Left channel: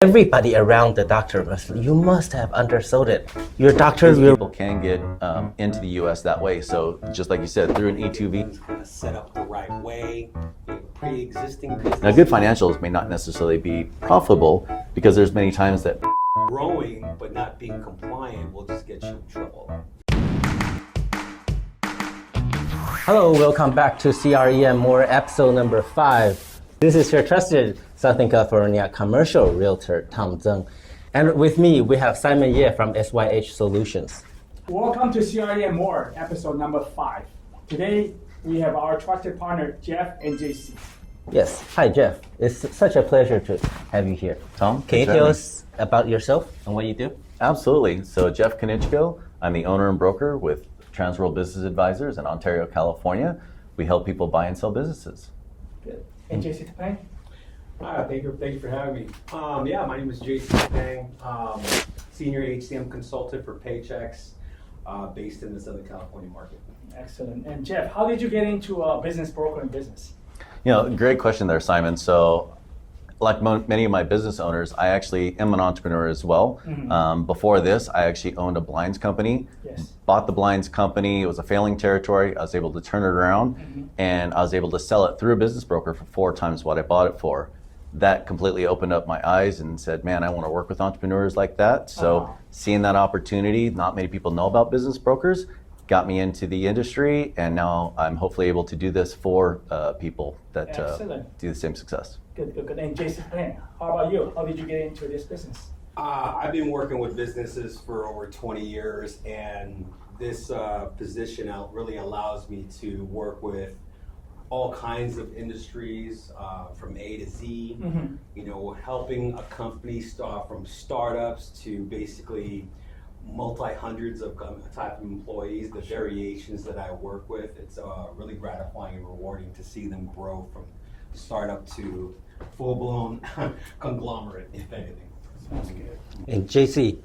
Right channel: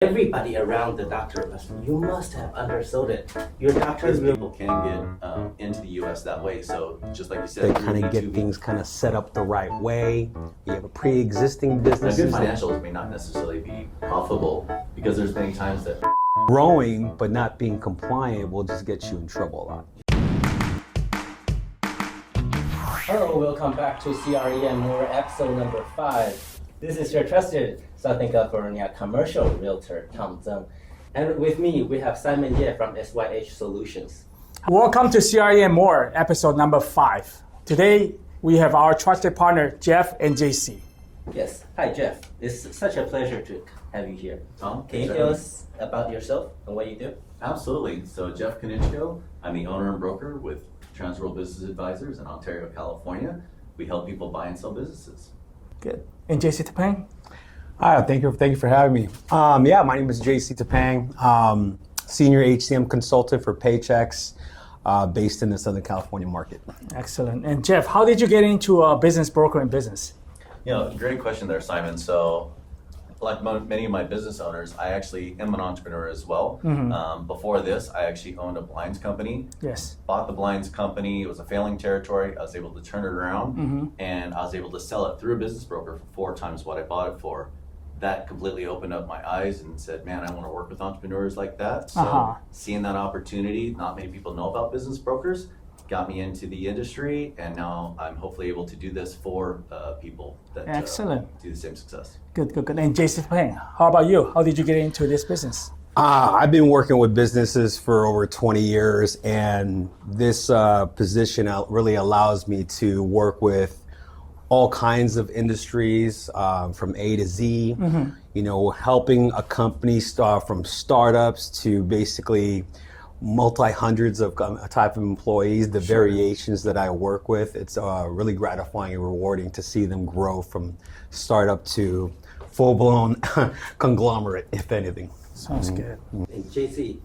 Everybody around the doctor you must have undersold it. Your doctor People can get into the U.S. that way. So just like you said, through Kind of get B2B. things kind of set up the right way. You have a pre-existing business. Now, good financials may not necessarily be profitable because there's many times that Growing but not being compliant will just get you in trouble a lot. Hello, welcome back to CRE N More episode number 5. This is your trusted Southern California commercial realtor, Tseng. And with me, we have Simon Ye from SYH Solutions. Welcome to CRE N More, episode number 5. Today, we have our trusted partner, Jeff and JC. Yes, hi Jeff. It's such a pleasure to have you here. Tom, Can you tell us about yourself and what you do? Absolutely. So Jeff Konieczko, I'm the owner and broker with Transworld Business Advisors in Ontario, California. We help people buy and sell businesses. Good. And JC Tapang? Hi, thank you for having me. My name is Tseng, senior HCM Consultant for Paychex, based in the Southern California market. Excellent. And Jeff, how did you get into business brokering business? Great question there, Simon. So like many of my business owners, I actually am an entrepreneur as well. Mm-hmm. Before this, I actually owned a blinds company. Yes. Bought the blinds company. It was a failing territory. I was able to turn it around, and I was able to sell it through a business broker for 4 times what I bought it for. That completely opened up my eyes and said, man, I want to work with entrepreneurs like that. So seeing that opportunity, not many people know about business brokers, got me into the industry, and now I'm hopefully able to do this for people that do the same success. Good. And JC Tapang, how about you? How did you get into this business? I've been working with businesses for over 20 years, and this position really allows me to work with all kinds of industries, from A to Z, helping a company start from startups to basically multi-hundreds of type of employees, the variations that I work with. It's really gratifying and rewarding to see them grow from startup to full-blown conglomerate, if anything. Sounds good. And JC,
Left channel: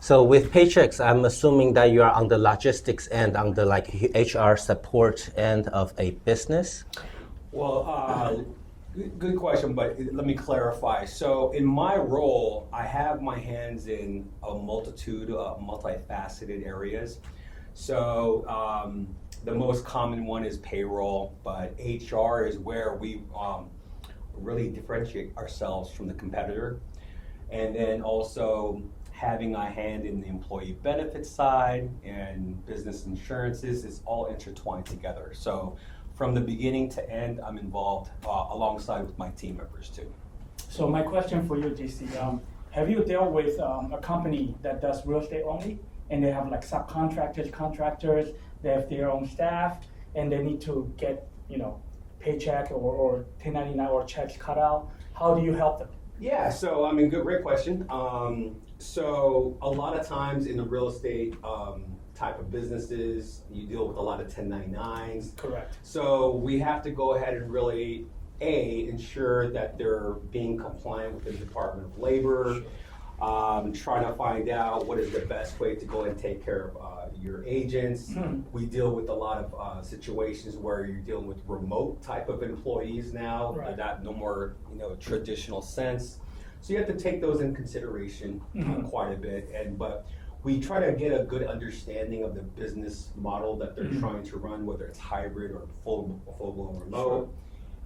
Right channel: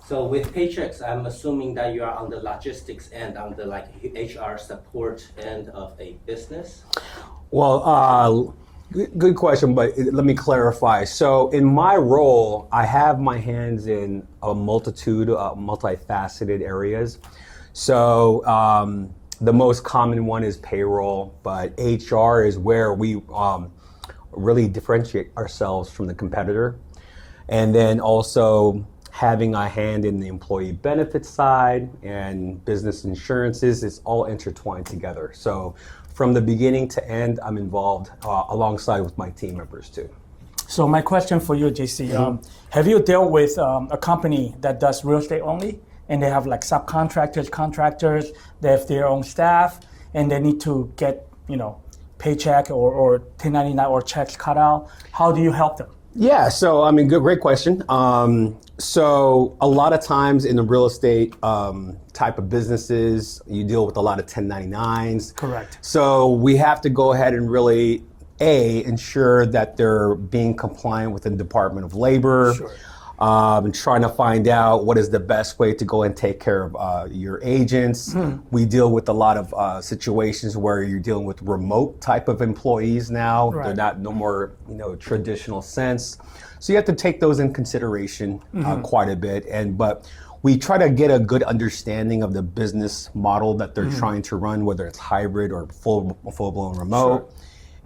so with Paychex, I'm assuming that you are on the logistics end, on the HR support end of a business? Well, good question, but let me clarify. So in my role, I have my hands in a multitude of multifaceted areas. So the most common one is payroll, but HR is where we really differentiate ourselves from the competitor. And then also having a hand in the employee benefits side and business insurances, it's all intertwined together. So from the beginning to end, I'm involved alongside with my team members too. So my question for you, JC, have you dealt with a company that does real estate only, and they have like subcontractors, contractors, they have their own staff, and they need to get, paycheck or 1099 or checks cut out? How do you help them? Yeah, so great question. So a lot of times in the real estate type of businesses, you deal with a lot of 1099s. Correct. So we have to go ahead and really, ensure that they're being compliant with the Department of Labor. Sure. And trying to find out what is the best way to go and take care of your agents. We deal with a lot of situations where you're dealing with remote type of employees now. Right. They're not no more traditional sense. So you have to take those in consideration quite a bit. But we try to get a good understanding of the business model that they're trying to run, whether it's hybrid or full-blown remote. Sure.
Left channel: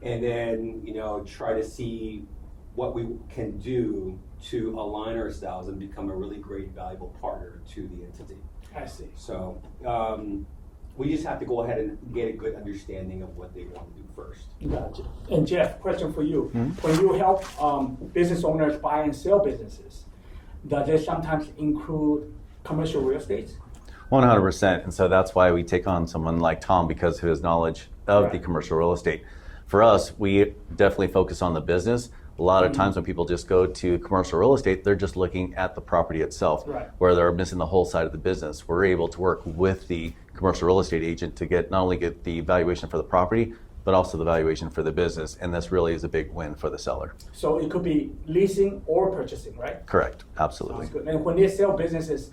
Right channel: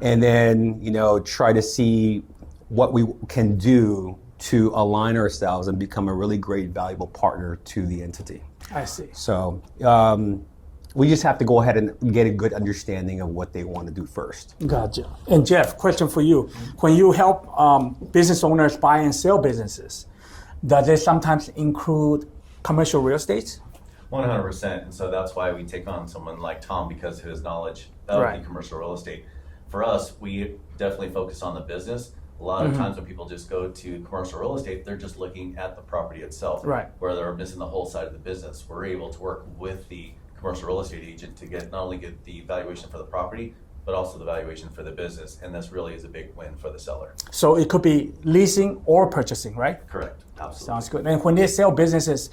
And then try to see what we can do to align ourselves and become a really great, valuable partner to the entity. I see. So we just have to go ahead and get a good understanding of what they want to do first. Gotcha. And Jeff, question for you. When you help business owners buy and sell businesses, does it sometimes include commercial real estate? 100%. And so that's why we take on someone like Tom, because of his knowledge of the commercial real estate. For us, we definitely focus on the business. A lot of times when people just go to commercial real estate, they're just looking at the property itself, where they're missing the whole side of the business. We're able to work with the commercial real estate agent to not only get the valuation for the property, but also the valuation for the business. And this really is a big win for the seller. So it could be leasing or purchasing, right? Correct. Absolutely. Sounds good. And when they sell businesses,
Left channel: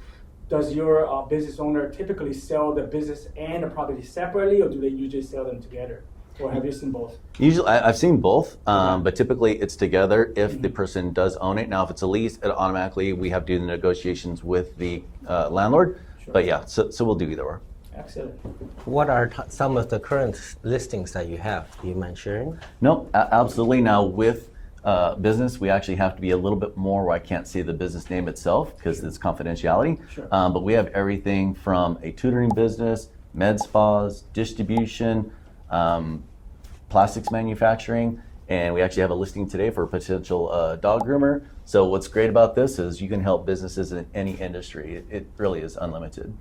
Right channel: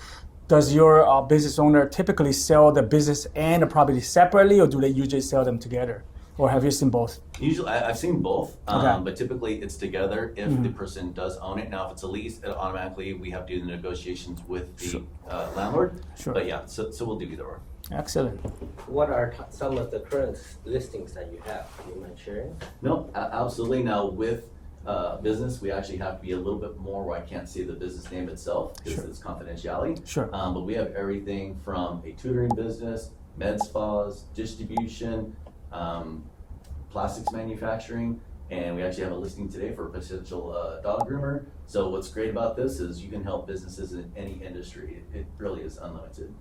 does your business owner typically sell the business and the property separately, or do they usually sell them together? or have you seen both? Usually, I've seen both, Okay. but typically it's together if the person does own it. Now, if it's a lease, it automatically we have to do the negotiations with the landlord. Sure. But yeah, so we'll do either or. Excellent. What are some of the current listings that you have? Do you mind sharing? No, absolutely. Now with business, we actually have to be a little bit more where I can't say the business name itself because it's confidentiality. Sure. But we have everything from a tutoring business, med spas, distribution, plastics manufacturing, and we actually have a listing today for a potential dog groomer. So what's great about this is you can help businesses in any industry. It really is unlimited.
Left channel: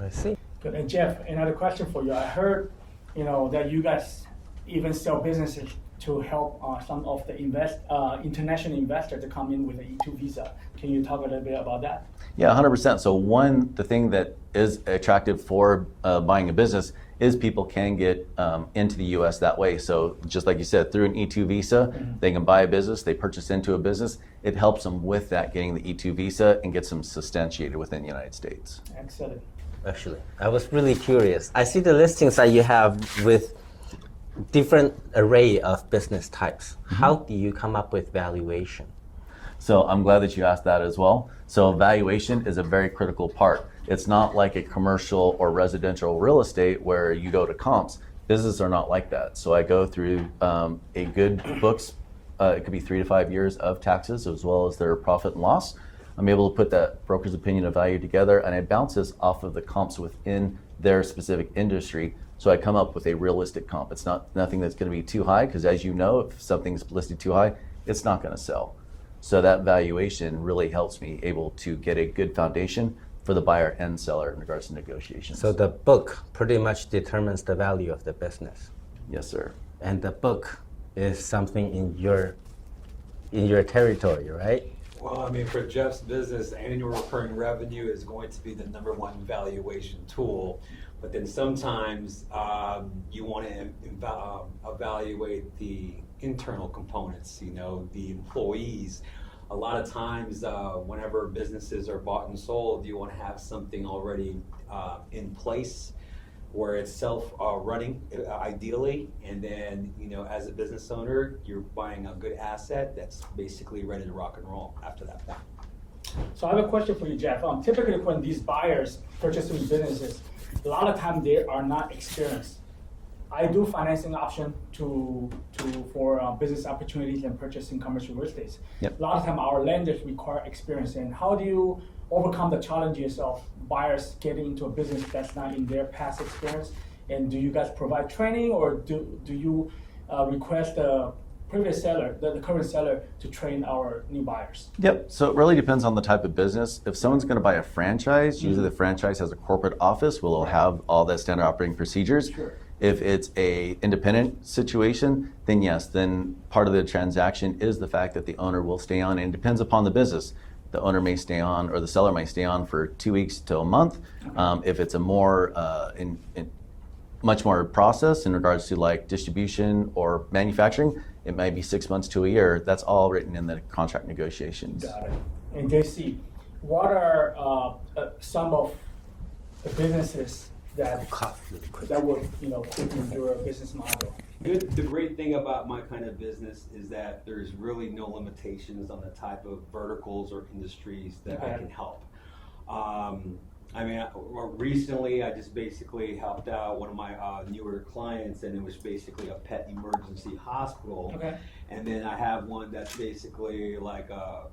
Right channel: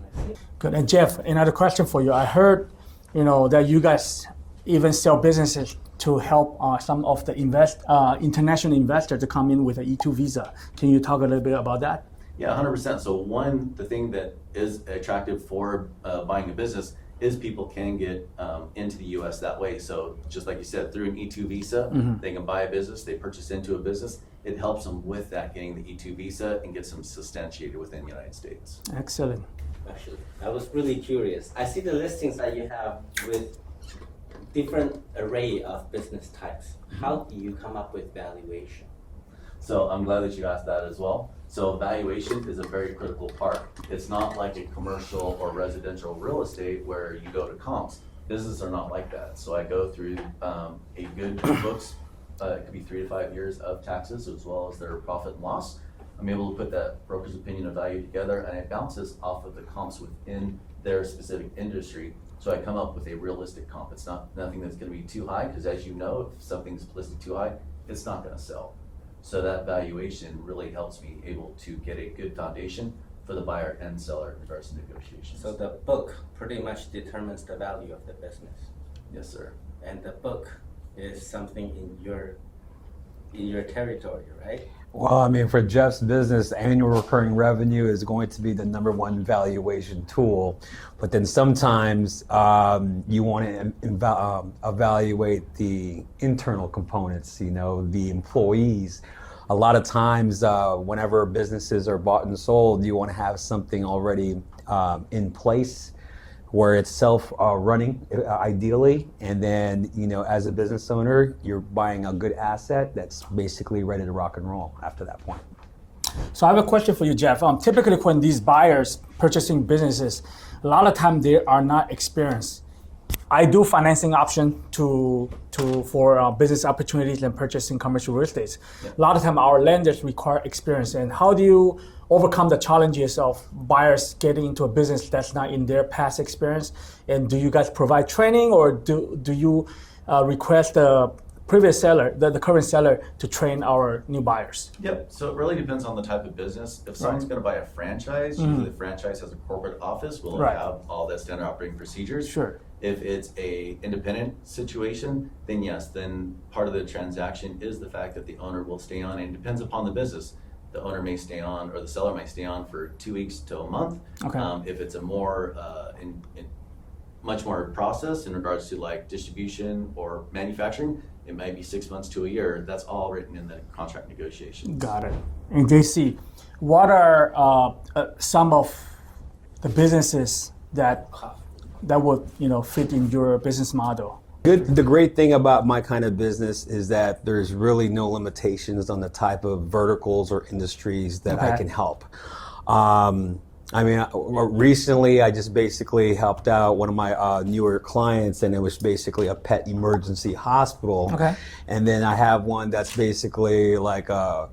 I see. Good. And Jeff, another question for you. I heard, that you guys even sell businesses to help some of the international investors to come in with an E2 visa. Can you talk a little bit about that? Yeah, 100%. So the thing that is attractive for buying a business is people can get into the U.S. that way. So just like you said, through an E2 visa, they can buy a business, they purchase into a business. It helps them with that, getting the E2 visa and gets them substantiated within the United States. Excellent. Actually, I was really curious. I see the listings that you have with different array of business types. How do you come up with valuation? So I'm glad that you asked that as well. So valuation is a very critical part. It's not like a commercial or residential real estate where you go to comps. Businesses are not like that. So I go through a good books. It could be 3 to 5 years of taxes as well as their profit and loss. I'm able to put that broker's opinion of value together, and it bounces off of the comps within their specific industry. So I come up with a realistic comp. It's nothing that's going to be too high, because as you know, if something's listed too high, it's not going to sell. So that valuation really helps me able to get a good foundation for the buyer and seller in regards to negotiations. So the book pretty much determines the value of the business. Yes, sir. And the book is something in your territory, right? Well, I mean, for Jeff's business, annual recurring revenue is going to be the #1 valuation tool. But then sometimes you want to evaluate the internal components, the employees. A lot of times, whenever businesses are bought and sold, you want to have something already in place where it's self-running, ideally, and then as a business owner, you're buying a good asset that's basically ready to rock and roll after that point. So I have a question for you, Jeff. Typically, when these buyers purchasing businesses, a lot of time they are not experienced. I do financing option for business opportunities and purchasing commercial real estate. Yep. A lot of time our lenders require experience. And how do you overcome the challenges of buyers getting into a business that's not in their past experience? And do you guys provide training, or do you request the previous seller, the current seller, to train our new buyers? Yep. So it really depends on the type of business. If someone's going to buy a franchise, usually the franchise has a corporate office. We'll have all that standard operating procedures. Sure. If it's a independent situation, then yes, then part of the transaction is the fact that the owner will stay on, and it depends upon the business. The owner may stay on, or the seller may stay on for 2 weeks to a month. Okay. If it's a more much more process in regards to like distribution or manufacturing, it might be 6 months to a year. That's all written in the contract negotiations. Got it. And JC, what are some of the businesses that would fit in your business model? The great thing about my kind of business is that there's really no limitations on the type of verticals or industries that I can help. I mean, recently I just basically helped out one of my newer clients, and it was basically a pet emergency hospital. Okay. And then I have one that's basically like a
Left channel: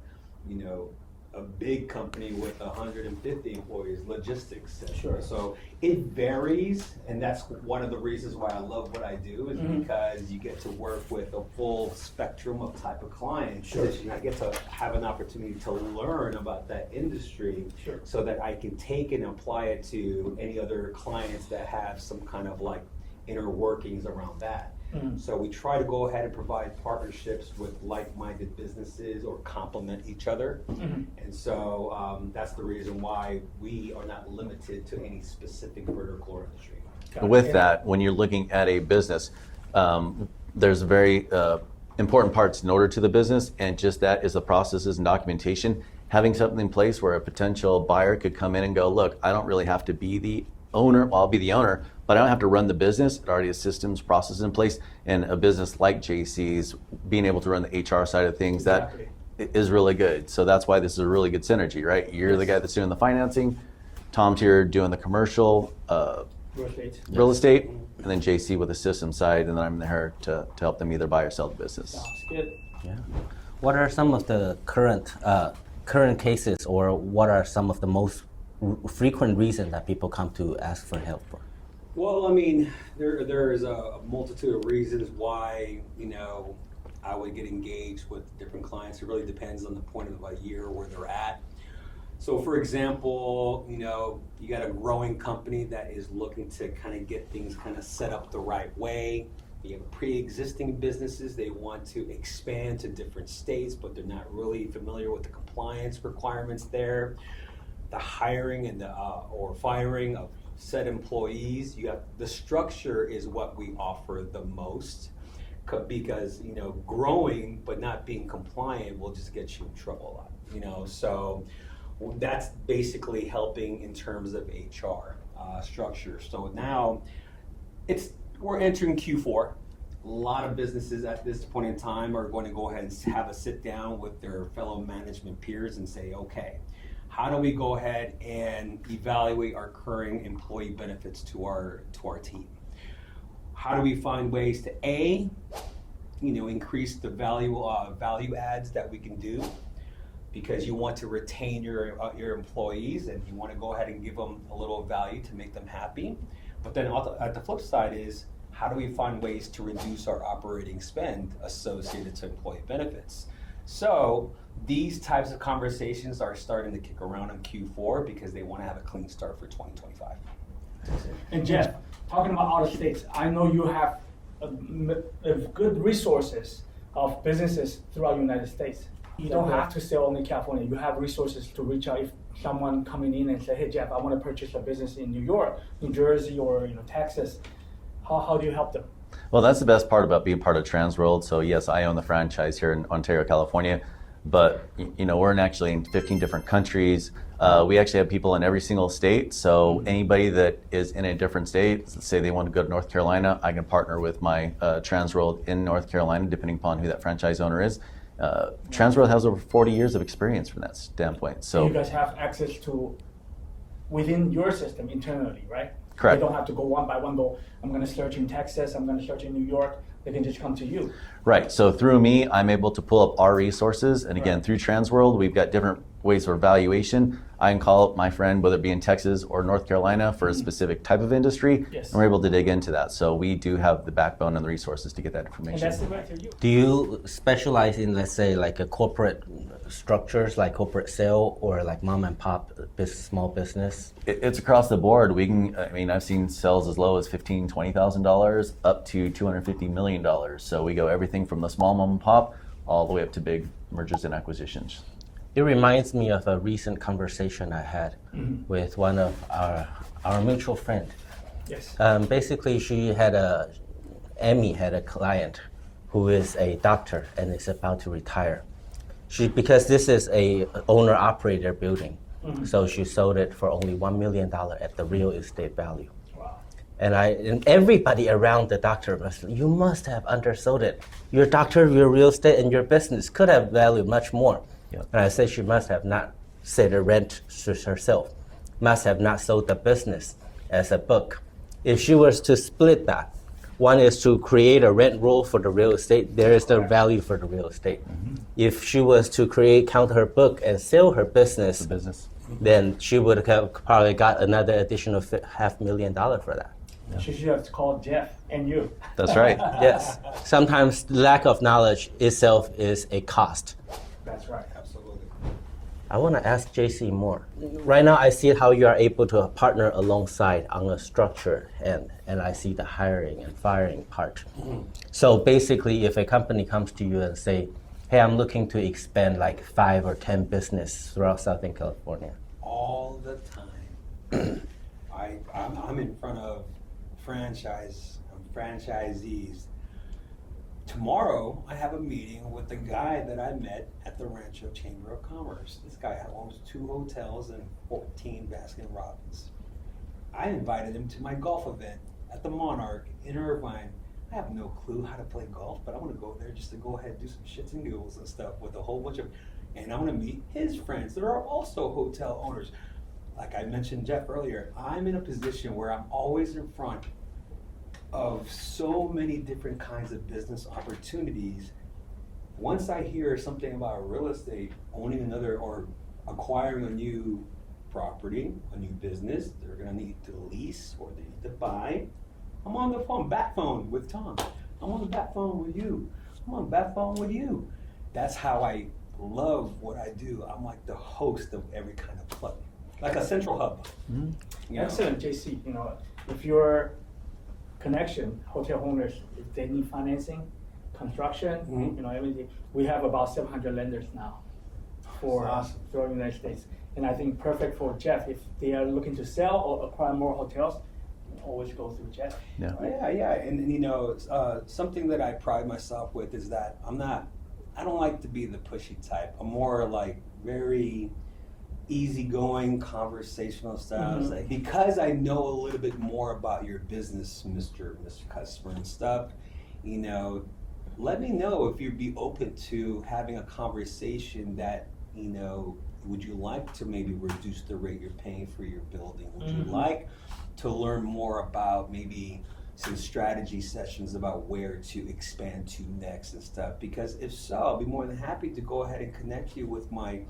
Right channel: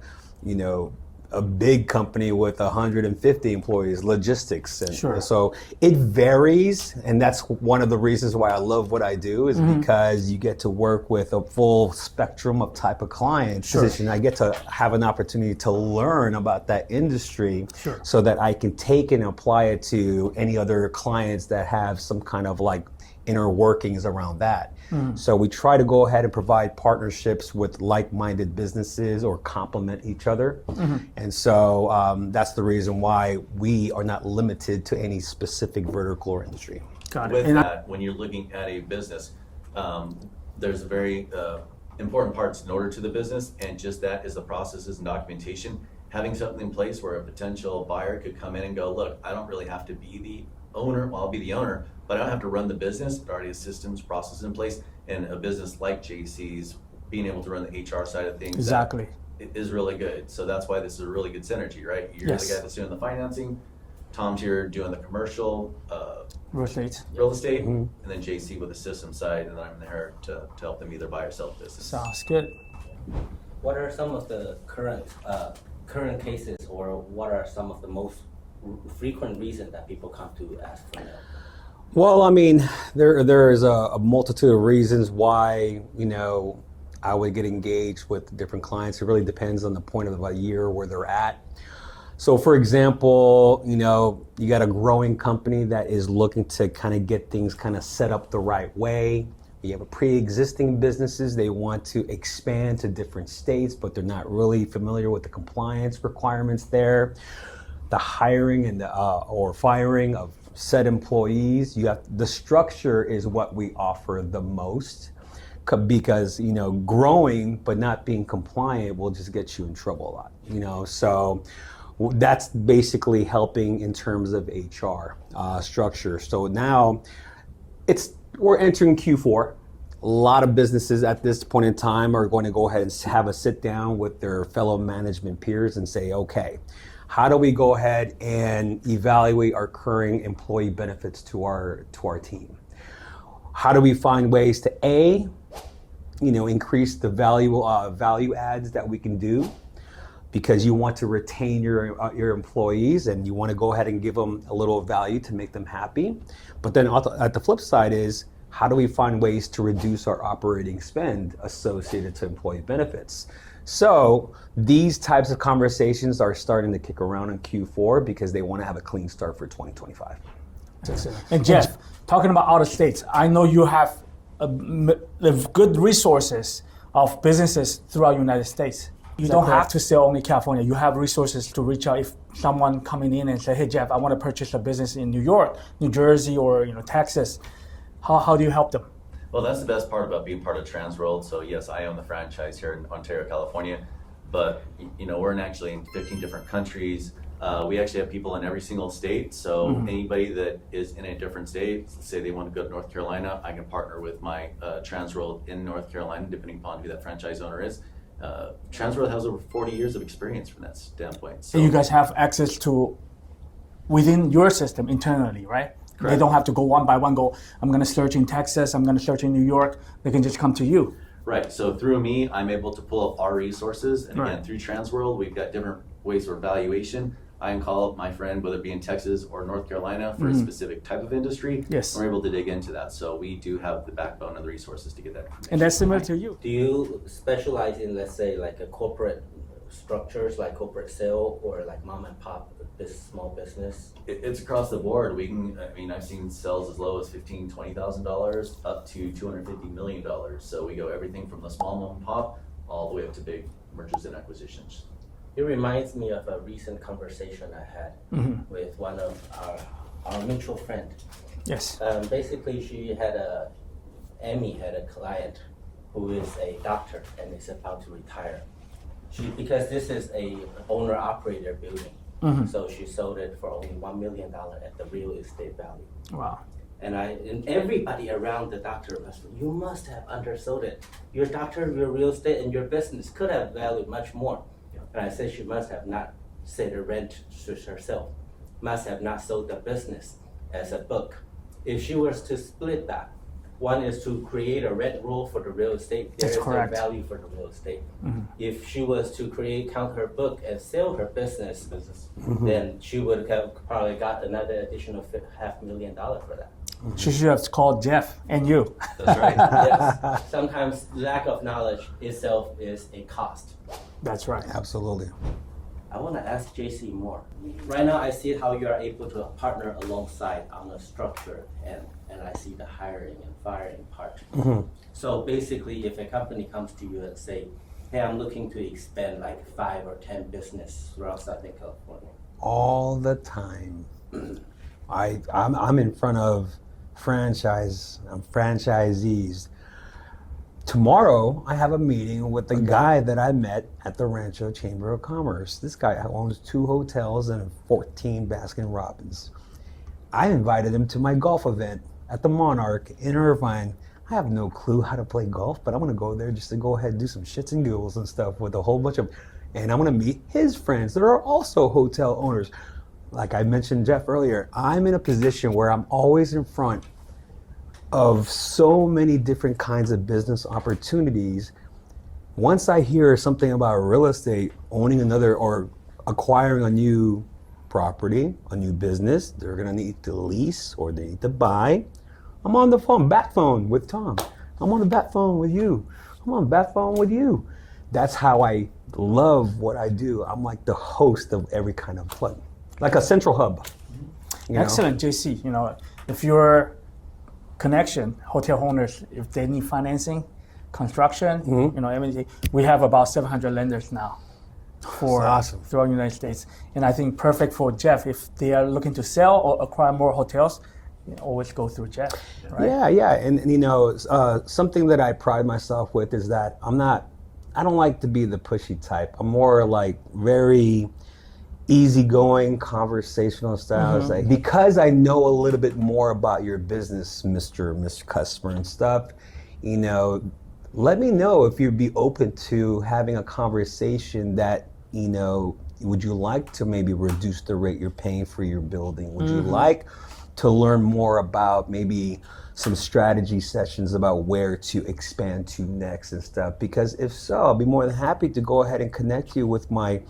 big company with 150 employees, logistics. And Sure. so it varies, and that's one of the reasons why I love what I do, is because you get to work with a full spectrum of type of clients. Sure. And I get to have an opportunity to learn about that industry, Sure. so that I can take and apply it to any other clients that have some kind of like inner workings around that. So we try to go ahead and provide partnerships with like-minded businesses or complement each other. And so that's the reason why we are not limited to any specific vertical or industry. Got it. With And that, when you're looking at a business, there's very important parts in order to the business, and just that is the processes and documentation. Having something in place where a potential buyer could come in and go, look, I don't really have to be the owner, well, I'll be the owner, but I don't have to run the business. It already has systems, processes in place, and a business like JC's being able to run the HR side of things Exactly. that is really good. So that's why this is a really good synergy, right? You're the guy that's doing the financing, Tom's here doing the commercial, real estate, and then JC with the system side, and then I'm there to help them either buy or sell the business. Sounds good. Yeah. What are some of the current cases, or what are some of the most frequent reasons that people come to ask for help? Well, I mean, there is a multitude of reasons why, you know, I would get engaged with different clients. It really depends on the point of the year where they're at. So for example, you know, you got a growing company that is looking to kind of get things kind of set up the right way. You have a pre-existing businesses, they want to expand to different states, but they're not really familiar with the compliance requirements there. The hiring and or firing of said employees, the structure is what we offer the most, because, you know, growing but not being compliant will just get you in trouble a lot, you know. So that's basically helping in terms of HR structure. So now we're entering Q4. A lot of businesses at this point in time are going to go ahead and have a sit down with their fellow management peers and say, okay, how do we go ahead and evaluate our current employee benefits to our team? How do we find ways to increase the value adds that we can do? Because you want to retain your employees and you want to go ahead and give them a little value to make them happy. But then at the flip side is, how do we find ways to reduce our operating spend associated to employee benefits? So these types of conversations are starting to kick around in Q4 because they want to have a clean start for 2025. And Jeff, talking about out of states, I know you have good resources of businesses throughout the United States. You don't have to sell only California. You have resources to reach out if someone coming in and say, hey, Jeff, I want to purchase a business in New York, New Jersey, or Texas. How do you help them? Well, that's the best part about being part of Transworld. So yes, I own the franchise here in Ontario, California, but we're actually in 15 different countries. We actually have people in every single state. So anybody that is in a different state, let's say they want to go to North Carolina, I can partner with my Transworld in North Carolina, depending upon who that franchise owner is. Transworld has over 40 years of experience from that standpoint. So you guys have access to within your system internally, right? Correct. They don't have to go one by one, I'm going to search in Texas, I'm going to search in New York. They can just come to you. Right. So through me, I'm able to pull up our resources. And again, through Transworld, we've got different ways for valuation. I can call up my friend, whether it be in Texas or North Carolina, for a specific type of industry. Yes. And we're able to dig into that. So we do have the backbone and the resources to get that information. And that's similar to you. Do you specialize in, let's say, like a corporate structures, like corporate sale, or like mom and pop small business? It's across the board. I've seen sales as low as $15,000, $20,000 up to $250 million. So we go everything from the small mom and pop all the way up to big mergers and acquisitions. It reminds me of a recent conversation I had with one of our mutual friend. Yes. Basically, Amy had a client who is a doctor and is about to retire. Because this is a owner-operator building, so she sold it for only $1 million at the real estate value. Wow. And everybody around the doctor you must have undersold it. Your doctor, your real estate, and your business could have valued much more. Yeah. And I said she must have not set a rent herself, must have not sold the business as a book. If she was to split that, one is to create a rent roll for the real estate. There is the value for the real estate. If she was to count her book and sell her business, then she would have probably got another additional $500,000 for that. She should have called Jeff and you. That's right. Yes. Sometimes lack of knowledge itself is a cost. That's right. Absolutely. I want to ask JC more. Right now, I see how you are able to partner alongside on a structure, and I see the hiring and firing part. So basically, if a company comes to you and say, hey, I'm looking to expand like 5 or 10 business throughout Southern California. All the time. I'm in front of franchisees. Tomorrow, I have a meeting with the guy that I met at the Rancho Chamber of Commerce. This guy owns 2 hotels and 14 Baskin Robbins. I invited him to my golf event at the Monarch in Irvine. I have no clue how to play golf, but I'm gonna go there just to go ahead and do some shits and giggles and stuff with a whole bunch of, and I'm gonna meet his friends that are also hotel owners. Like I mentioned Jeff earlier, I'm in a position where I'm always in front of so many different kinds of business opportunities. Once I hear something about real estate, owning another or acquiring a new property, a new business, they're gonna need to lease or they need to buy. I'm on the phone, bat phone with Tom. I'm on the bat phone with you. I'm on the bat phone with you. That's how I love what I do. I'm like the host of every kind of plug, like a central hub. You know? Excellent, JC. You know, if your connection, hotel owners, if they need financing, construction, you know, everything, we have about 700 lenders now for awesome. throughout the United States. And I think perfect for Jeff if they are looking to sell or acquire more hotels. You always go through Jeff. Yeah. Right? Yeah, and you know, something that I pride myself with is that I don't like to be the pushy type. I'm more like very easygoing, conversational style. It's like, because I know a little bit more about your business, Mr. Customer and stuff, you know, let me know if you'd be open to having a conversation that, you know, would you like to maybe reduce the rate you're paying for your building? Would you like to learn more about maybe some strategy sessions about where to expand to next and stuff? Because if so, I'll be more than happy to go ahead and connect you with my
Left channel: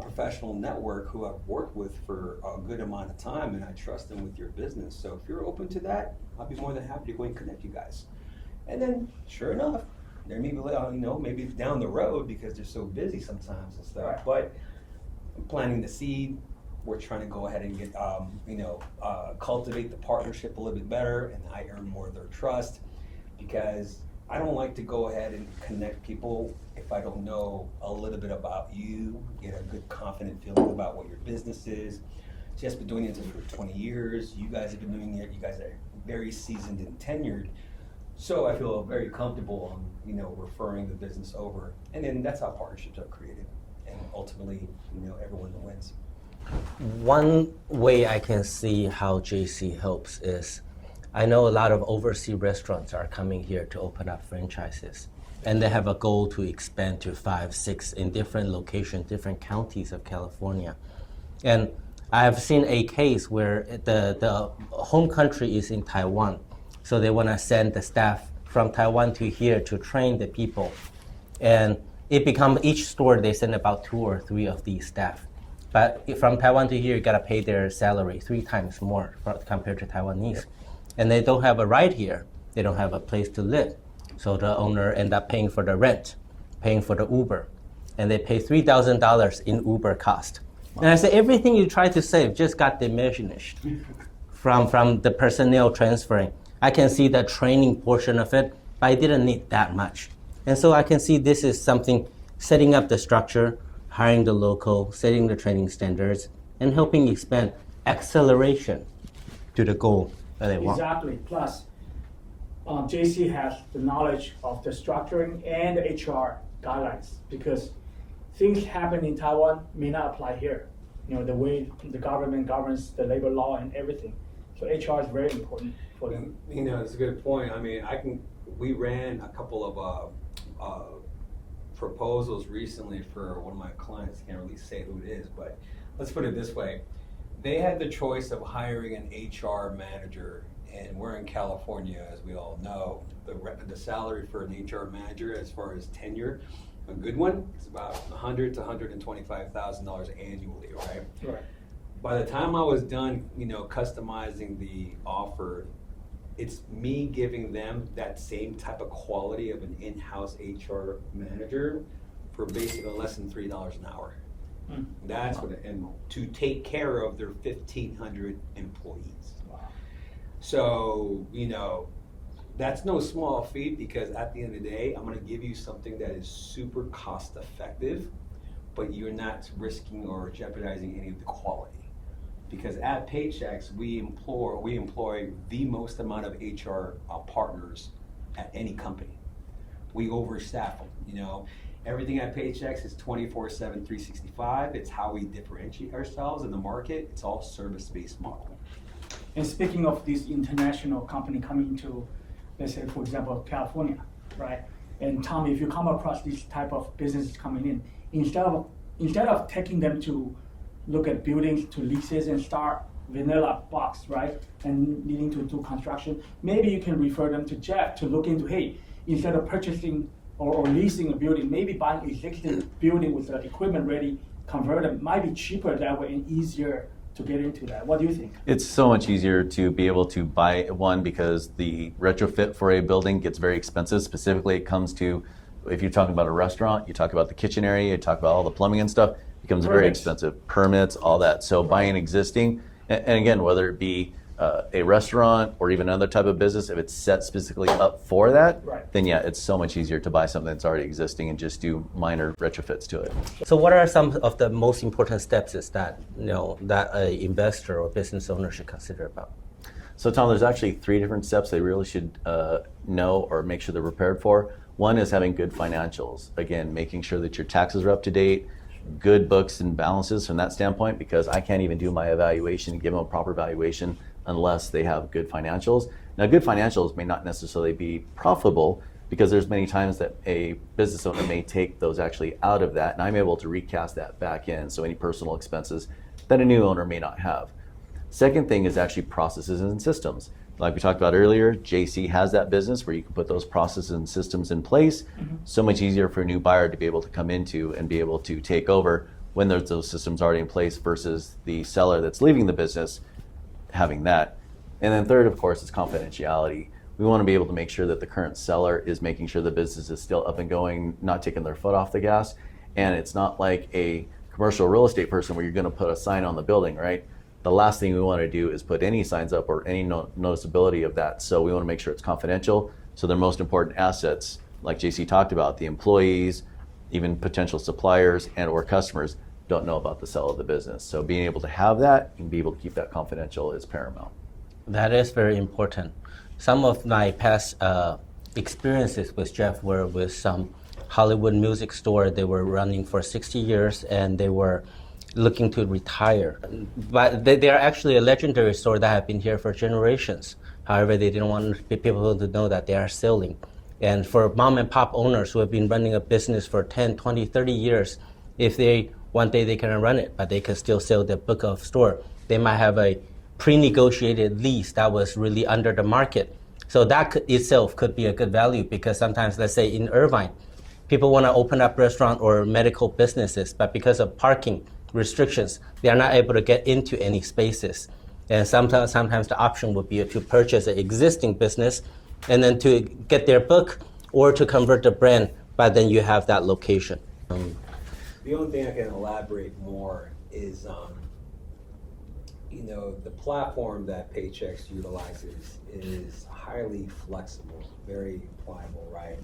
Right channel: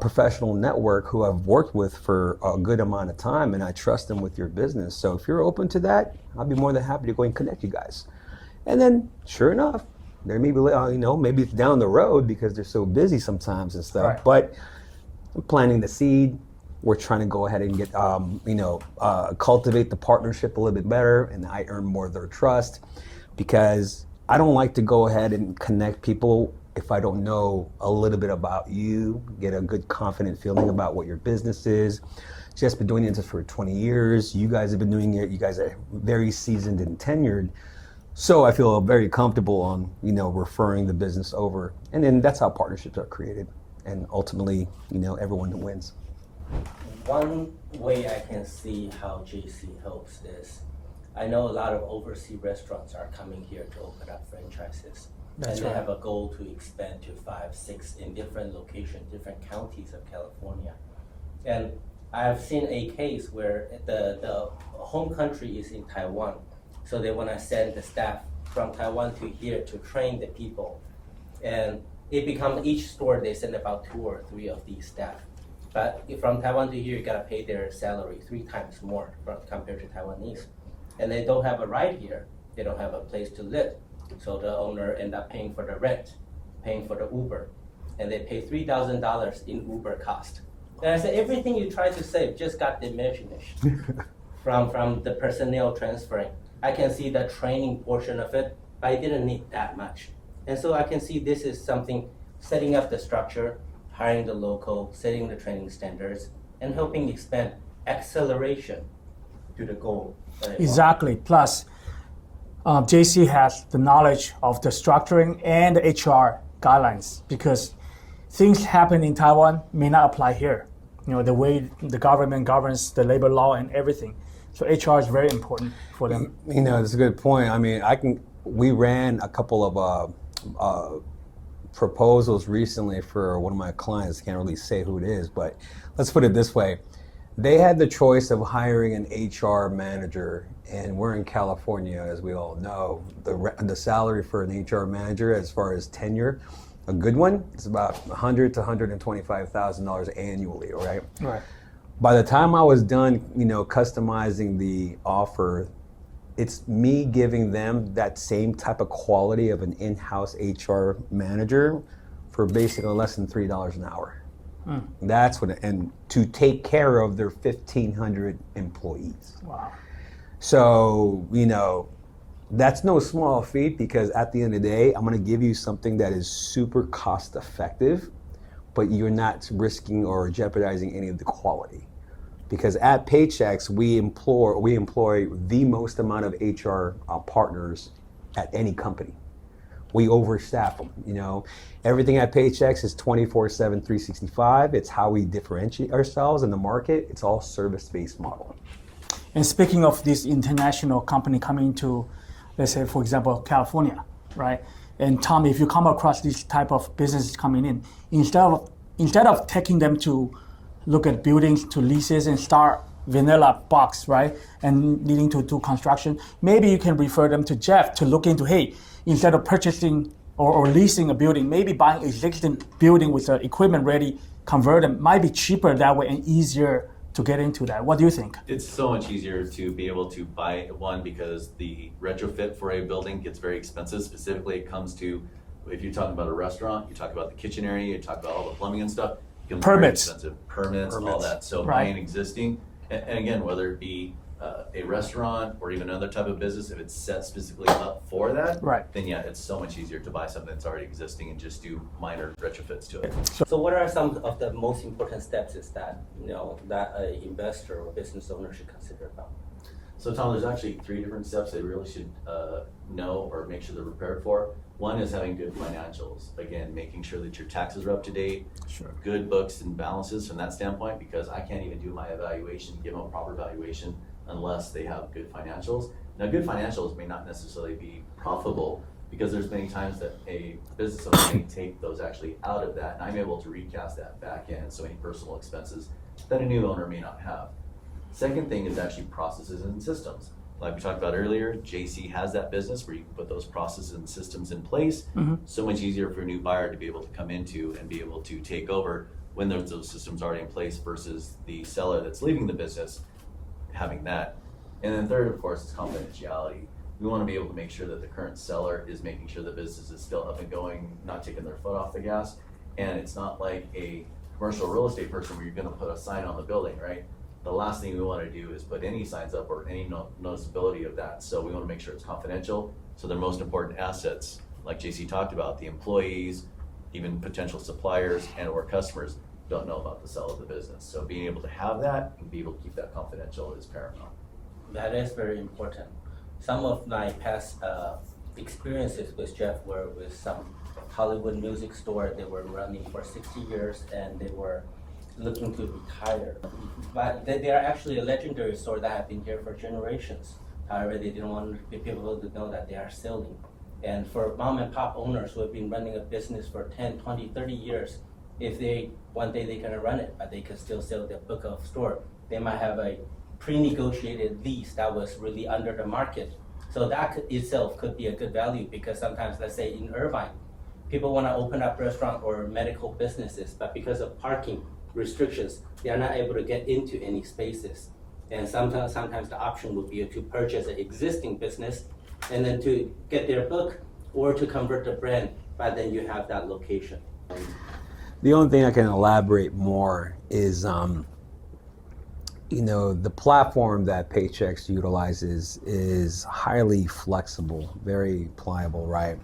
professional network who I've worked with for a good amount of time, and I trust them with your business. So if you're open to that, I'll be more than happy to go and connect you guys. And then, sure enough, there may be, you know, maybe it's down the road because they're so busy sometimes and stuff. Right. But I'm planting the seed. We're trying to go ahead and get, you know, cultivate the partnership a little bit better, and I earn more of their trust, because I don't like to go ahead and connect people if I don't know a little bit about you, get a good confident feeling about what your business is. Just been doing this for 20 years. You guys have been doing it. You guys are very seasoned and tenured. So I feel very comfortable on, you know, referring the business over. And then that's how partnerships are created. And ultimately, you know, everyone wins. One way I can see how JC helps is, I know a lot of overseas restaurants are coming here to open up franchises. And they have a goal to expand to 5, 6 in different locations, different counties of California. And I have seen a case where the home country is in Taiwan. So they want to send the staff from Taiwan to here to train the people. And it becomes each store they send about 2 or 3 of these staff. But from Taiwan to here, you got to pay their salary 3 times more compared to Taiwanese. And they don't have a ride here. They don't have a place to live. So the owner end up paying for the rent, paying for the Uber. And they pay $3,000 in Uber cost. And I said, everything you try to save just got diminished from the personnel transferring. I can see the training portion of it, but I didn't need that much. And so I can see this is something, setting up the structure, hiring the local, setting the training standards, and helping expand acceleration to the goal that they want. Exactly. Plus, JC has the knowledge of the structuring and the HR guidelines, because things happen in Taiwan may not apply here. You know, the way the government governs the labor law and everything. So HR is very important for them. You know, it's a good point. I mean, we ran a couple of proposals recently for one of my clients. Can't really say who it is, but let's put it this way. They had the choice of hiring an HR manager, and we're in California, as we all know. The salary for an HR manager, as far as tenure, a good one, is about $100,000 to $125,000 annually, right? Right. By the time I was done, you know, customizing the offer, it's me giving them that same type of quality of an in-house HR manager for basically less than $3 an hour. That's what, and to take care of their 1,500 employees. Wow. So, you know, that's no small feat, because at the end of the day, I'm going to give you something that is super cost effective, but you're not risking or jeopardizing any of the quality. Because at Paychex, we employ the most amount of HR partners at any company. We overstaff them, you know. Everything at Paychex is 24/7, 365. It's how we differentiate ourselves in the market. It's all service-based model. And speaking of this international company coming to, let's say, for example, California, right? And Tom, if you come across this type of businesses coming in, instead of taking them to look at buildings, to leases and start vanilla box, right? And needing to do construction, maybe you can refer them to Jeff to look into, hey, instead of purchasing or leasing a building, maybe buying existing building with the equipment ready, convert them, might be cheaper that way and easier to get into that. What do you think? It's so much easier to be able to buy one because the retrofit for a building gets very expensive. Specifically, it comes to, if you're talking about a restaurant, you talk about the kitchen area, you talk about all the plumbing and stuff, it becomes very expensive. Permits, all that. So buying existing, and again, whether it be a restaurant or even another type of business, if it's set specifically up for that, then yeah, it's so much easier to buy something that's already existing and just do minor retrofits to it. So what are some of the most important steps is that, that an investor or business owner should consider about? So Tom, there's actually 3 different steps they really should know or make sure they're prepared for. One is having good financials. Again, making sure that your taxes are up to date, good books and balances from that standpoint, because I can't even do my evaluation, give them a proper valuation unless they have good financials. Now, good financials may not necessarily be profitable because there's many times that a business owner may take those actually out of that, and I'm able to recast that back in, so any personal expenses that a new owner may not have. Second thing is actually processes and systems. Like we talked about earlier, JC has that business where you can put those processes and systems in place. So much easier for a new buyer to be able to come into and be able to take over when there's those systems already in place versus the seller that's leaving the business having that. And then third, of course, is confidentiality. We want to be able to make sure that the current seller is making sure the business is still up and going, not taking their foot off the gas. And it's not like a commercial real estate person where you're going to put a sign on the building, right? The last thing we want to do is put any signs up or any noticeability of that. So we want to make sure it's confidential. So their most important assets, like JC talked about, the employees, even potential suppliers and or customers don't know about the sale of the business. So being able to have that and be able to keep that confidential is paramount. That is very important. Some of my past experiences with Jeff were with some Hollywood music store. They were running for 60 years and they were looking to retire. But they are actually a legendary store that have been here for generations. However, they didn't want people to know that they are selling. And for mom and pop owners who have been running a business for 10, 20, 30 years, if they one day they cannot run it, but they can still sell their book of store, they might have a pre-negotiated lease that was really under the market. So that itself could be a good value because sometimes, let's say in Irvine, people want to open up restaurant or medical businesses, but because of parking restrictions, they are not able to get into any spaces. And sometimes the option would be to purchase an existing business and then to get their book or to convert the brand, but then you have that location. The only thing I can elaborate more is, the platform that Paychex utilizes is highly flexible, very pliable, right?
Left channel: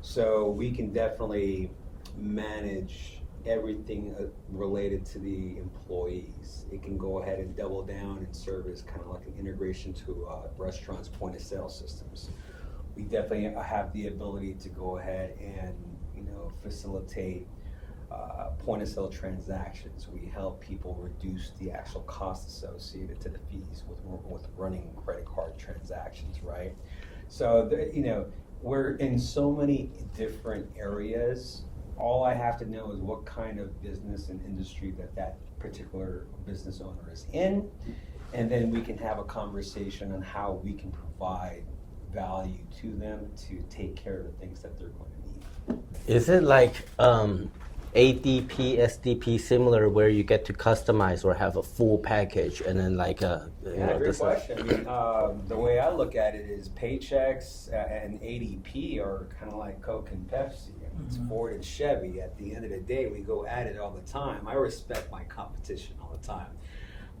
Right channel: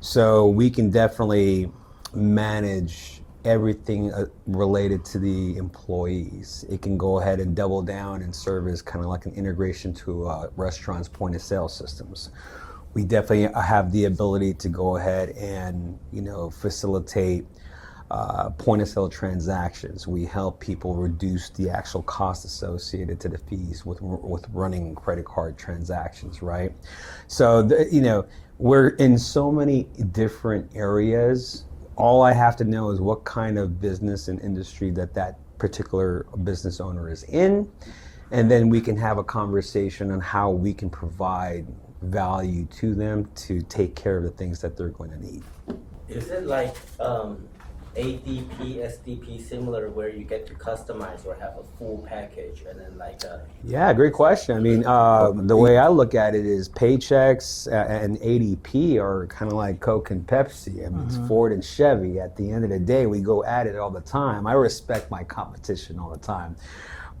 So we can definitely manage everything related to the employees. It can go ahead and double down and serve as kind of like an integration to restaurants' point of sale systems. We definitely have the ability to go ahead and facilitate point of sale transactions. We help people reduce the actual cost associated to the fees with running credit card transactions, right? So we're in so many different areas. All I have to know is what kind of business and industry that particular business owner is in, and then we can have a conversation on how we can provide value to them to take care of the things that they're going to need. Is it like ADP, SDP similar where you get to customize or have a full package and then like a... Yeah, great question. I mean, the way I look at it is Paychex and ADP are kind of like Coke and Pepsi. I mean, it's Ford and Chevy. At the end of the day, we go at it all the time. I respect my competition all the time.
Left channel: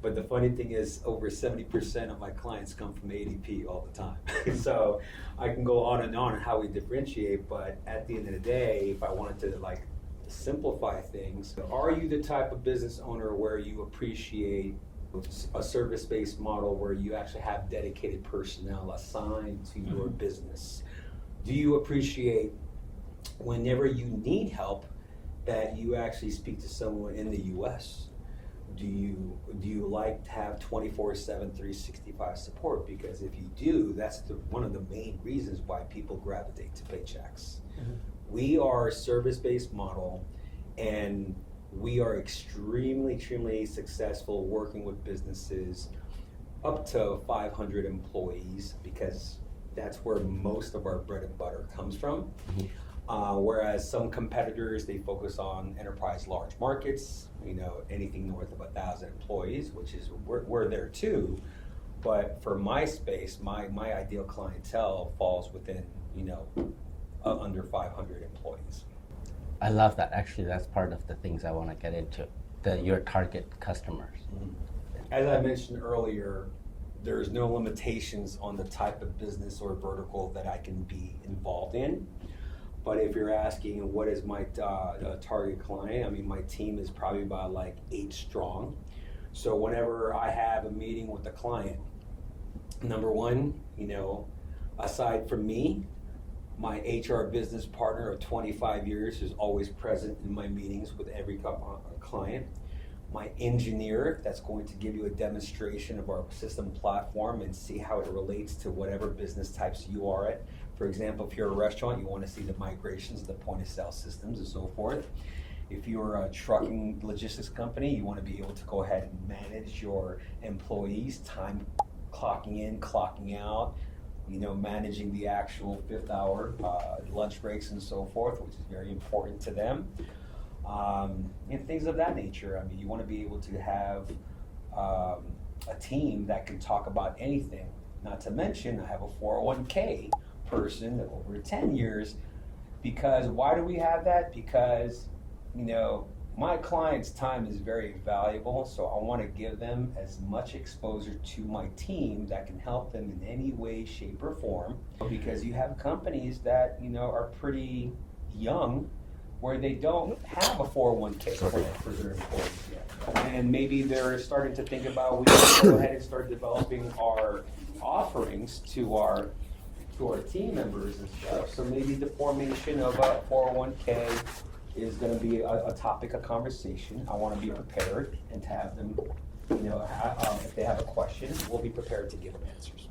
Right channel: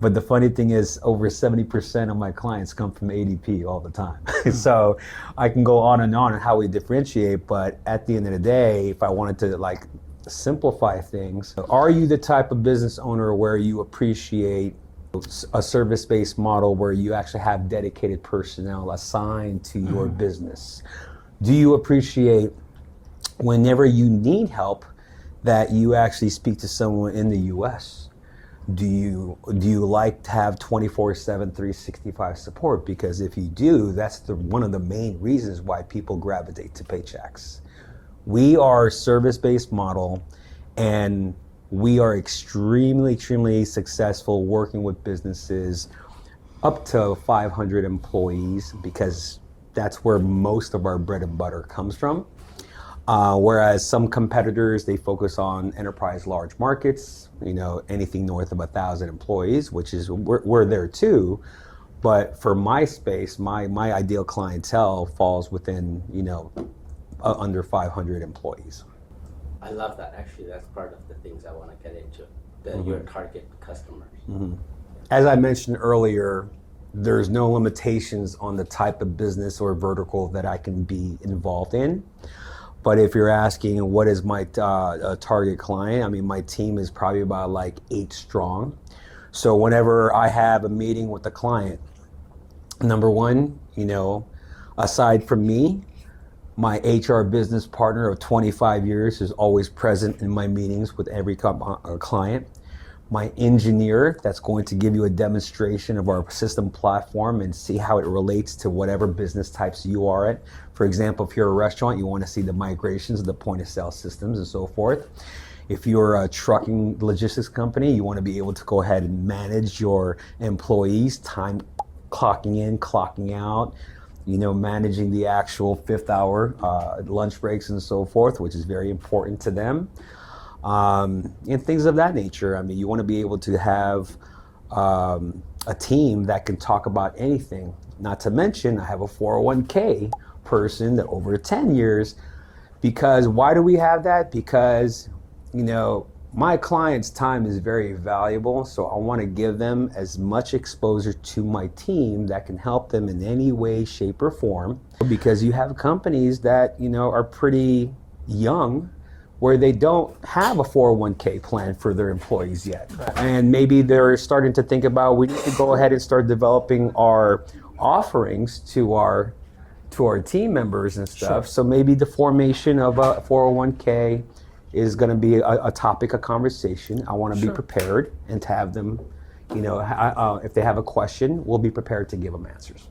But the funny thing is over 70% of my clients come from ADP all the time. So I can go on how we differentiate, but at the end of the day, if I wanted to simplify things, are you the type of business owner where you appreciate a service-based model where you actually have dedicated personnel assigned to your business? Do you appreciate whenever you need help that you actually speak to someone in the US? do you like to have 24/7, 365 support? Because if you do, that's one of the main reasons why people gravitate to Paychex. We are a service-based model, and we are extremely successful working with businesses up to 500 employees, because that's where most of our bread and butter comes from. Whereas some competitors, they focus on enterprise large markets, anything north of 1,000 employees, which is, we're there too. But for my space, my ideal clientele falls within, under 500 employees. I love that. Actually, that's part of the things I want to get into, your target customers. As I mentioned earlier, there's no limitations on the type of business or vertical that I can be involved in. But if you're asking what is my target client, I mean, my team is probably about like 8 strong. So whenever I have a meeting with a client, number one, aside from me, my HR business partner of 25 years is always present in my meetings with every client. My engineer, that's going to give you a demonstration of our system platform and see how it relates to whatever business types you are at. For example, if you're a restaurant, you want to see the migrations of the point of sale systems and so forth. If you're a trucking logistics company, you want to be able to go ahead and manage your employees, time clocking in, clocking out, managing the actual 5th hour lunch breaks and so forth, which is very important to them. And things of that nature. I mean, you want to be able to have a team that can talk about anything. Not to mention, I have a 401k person that over 10 years, because why do we have that? Because, my client's time is very valuable, so I want to give them as much exposure to my team that can help them in any way, shape, or form. Because you have companies that, are pretty young, where they don't have a 401k plan for their employees yet. And maybe they're starting to think about, we need to go ahead and start developing our offerings to our team members and stuff. So maybe the formation of a 401k is going to be a topic of conversation. I want to be prepared and to have them, if they have a question, we'll be prepared to give them answers.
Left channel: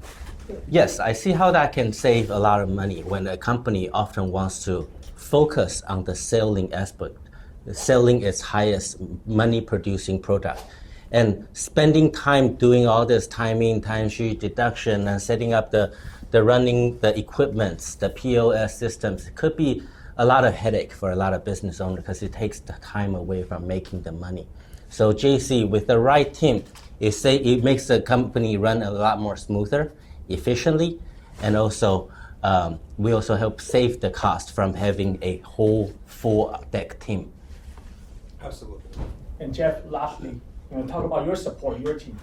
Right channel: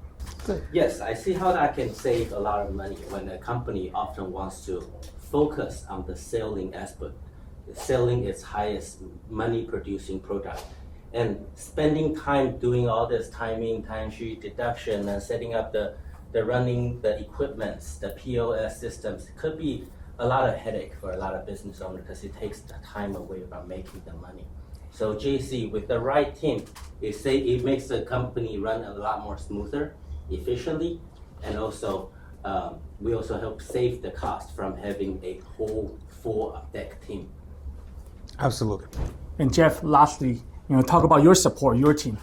Yes, I see how that can save a lot of money when a company often wants to focus on the selling aspect, selling its highest money producing product, and spending time doing all this timesheet deduction and setting up the running the equipments, the POS systems could be a lot of headache for a lot of business owners because it takes the time away from making the money. So JC, with the right team, it makes the company run a lot more smoother, efficiently, and also we also help save the cost from having a whole full deck team. Absolutely. And Jeff, lastly, talk about your support, your team.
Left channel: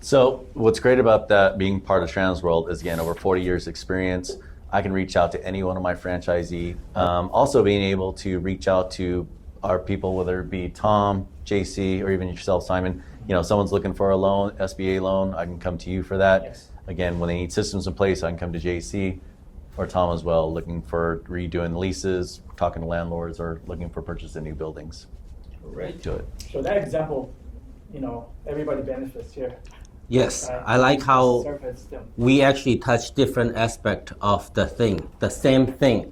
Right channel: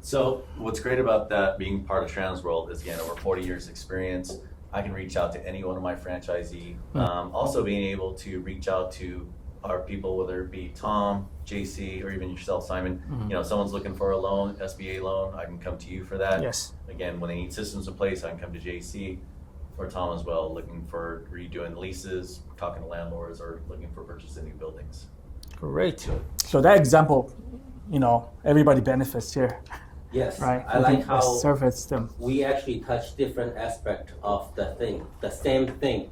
So what's great about that being part of Transworld is, again, over 40 years experience. I can reach out to any one of my franchisee. Also being able to reach out to our people, whether it be Tom, JC, or even yourself, Simon. Someone's looking for a loan, SBA loan, I can come to you for that. Yes. Again, when they need systems in place, I can come to JC or Tom as well, looking for redoing leases, talking to landlords, or looking for purchasing new buildings. Great. So that example, everybody benefits here. Yes, right? I like how service them. We actually touch different aspects of the same thing.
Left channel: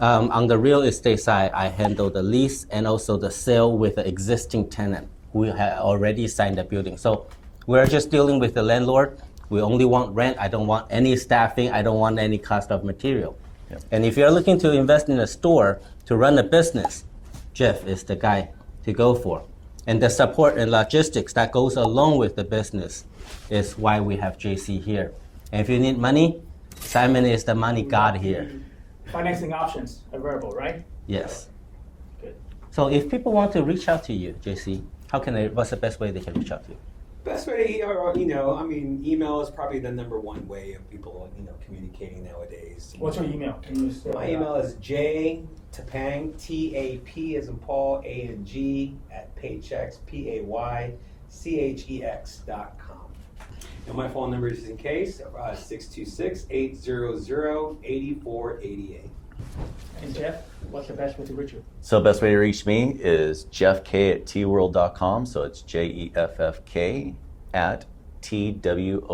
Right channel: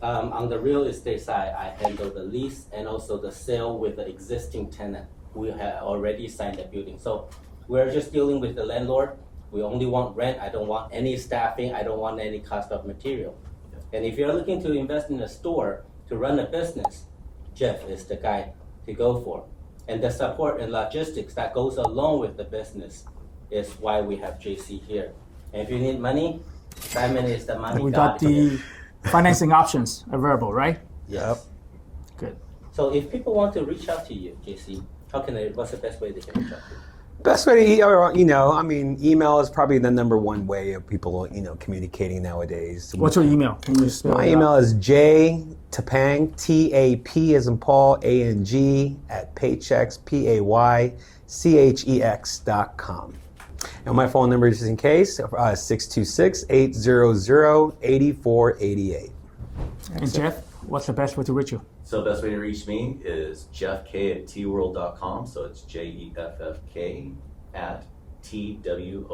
On the real estate side, I handle the lease and also the sale with the existing tenant who had already signed the building. So we're just dealing with the landlord. We only want rent. I don't want any staffing. I don't want any cost of material. Yep. And if you're looking to invest in a store to run a business, Jeff is the guy to go for. And the support and logistics that goes along with the business is why we have JC here. And if you need money, Simon is the money god here. Financing options available, right? Yes. Yep. Good. So if people want to reach out to you, JC, what's the best way they can reach out to you? Best way to, email is probably the number one way of people, communicating nowadays. What's your email? Can you spell My it email out? is Tapang, TAP as in Paul, ANG, at Paychex, PAYCHEX.com. And my phone number, just in case, 626-800-8488. And Jeff? what's the best way to reach you? So best way to reach me is jeffk@tworld.com. So it's JEFFK at TWORLD.com,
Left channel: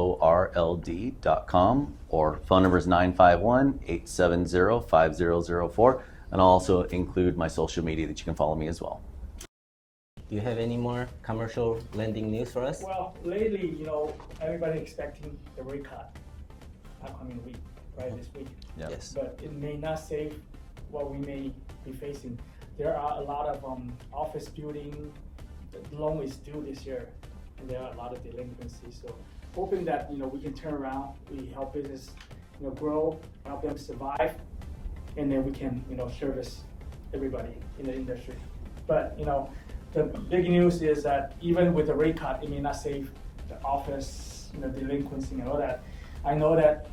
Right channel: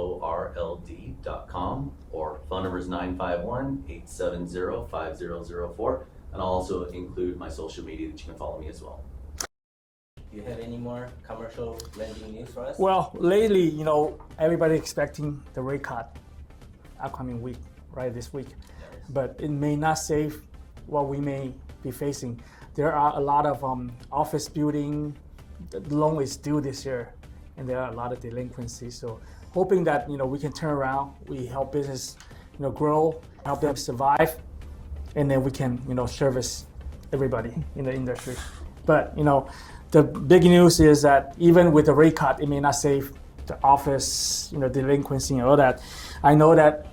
or phone number is 951-870-5004. And I'll also include my social media that you can follow me as well. Do you have any more commercial lending news for us? Well, lately, everybody expecting the rate cut upcoming week, right, this week. Yes. But it may not save what we may be facing. There are a lot of office building, the loan is due this year, and there are a lot of delinquencies. So hoping that, we can turn around, we help business, grow, help them survive, and then we can, service everybody in the industry. But, the big news is that even with the rate cut, it may not save the office, delinquency and all that. I know that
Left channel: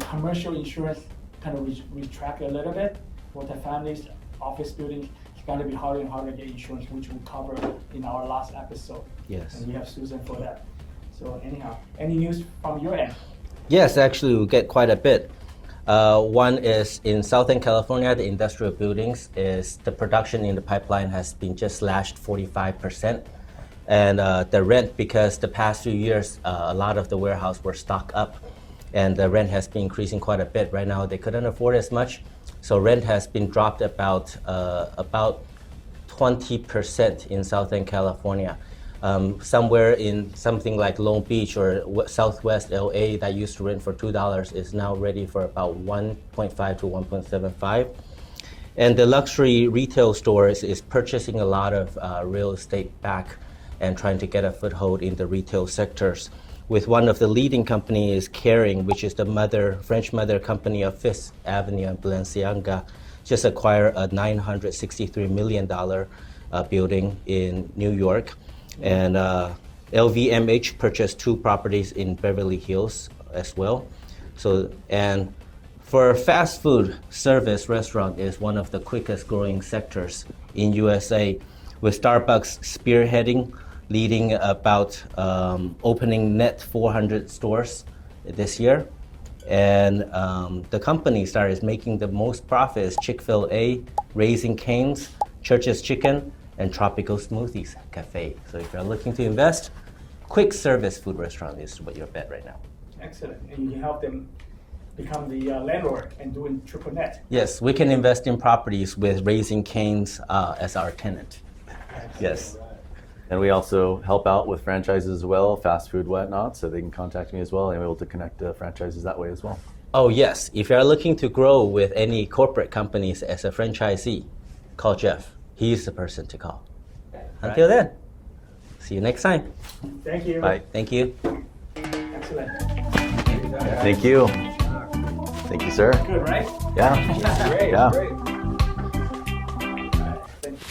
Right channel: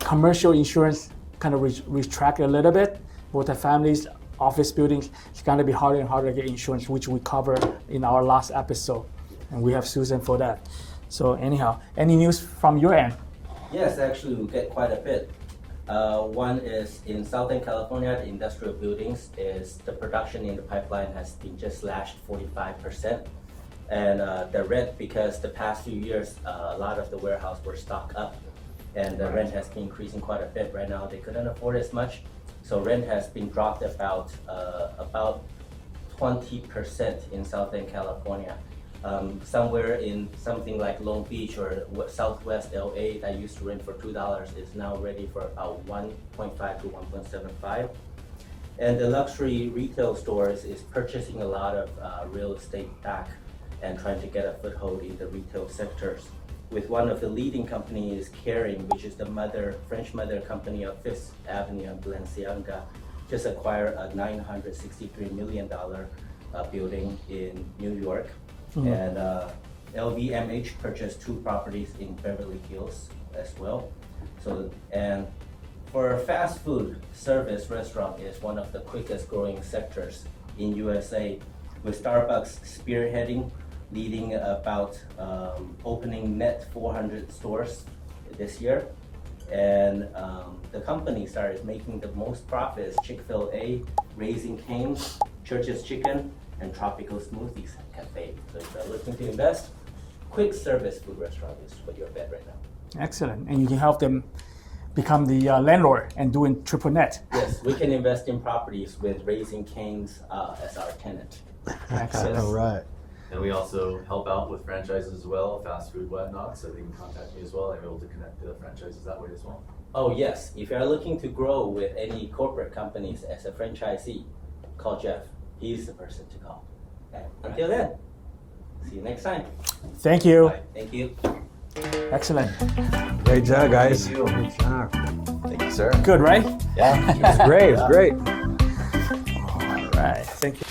commercial insurance kind of retract a little bit. For the families, office buildings, it's going to be harder and harder to get insurance, which we covered in our last episode. Yes. And we have Susan for that. So anyhow, any news from your end? Yes, actually, we get quite a bit. One is in Southern California, the industrial buildings is the production in the pipeline has been just slashed 45%. And the rent, because the past few years, a lot of the warehouse were stocked up, and the rent has been increasing quite a bit. Right now, they couldn't afford as much, so rent has been dropped about 20% in Southern California. Somewhere in something like Long Beach or Southwest LA that used to rent for $2 is now ready for about 1.5 to 1.75. And the luxury retail stores is purchasing a lot of real estate back and trying to get a foothold in the retail sectors. With one of the leading companies, Kering, which is the French mother company of Fifth Avenue and Balenciaga, just acquired a $963 million building in New York. And LVMH purchased 2 properties in Beverly Hills as well. So, and for fast food service, restaurant is one of the quickest growing sectors in USA, with Starbucks spearheading, leading about opening net 400 stores this year. And the company started making the most profits: Chick-fil-A, Raising Cane's, Church's Chicken, and Tropical Smoothies Cafe. So if you're looking to invest, quick service food restaurant is what your bet right now. Excellent. And you can help them become the landlord and doing triple net. Yes, we can invest in properties with Raising Cane's as our tenant. Excellent. Yes. All right. And we also help out with franchises as well, fast food, whatnot, so they can contact me as well. I'm able to connect franchises that way as well. Oh yes, if you're looking to grow with any corporate companies as a franchisee, call Jeff. He's the person to call. Until then, see you next time. Thank you. Bye. Thank you. Excellent. Great job, guys. Thank you. Good job. Thank you, sir. Good, right? Yeah. Great, Yeah. great. All right. Thank you.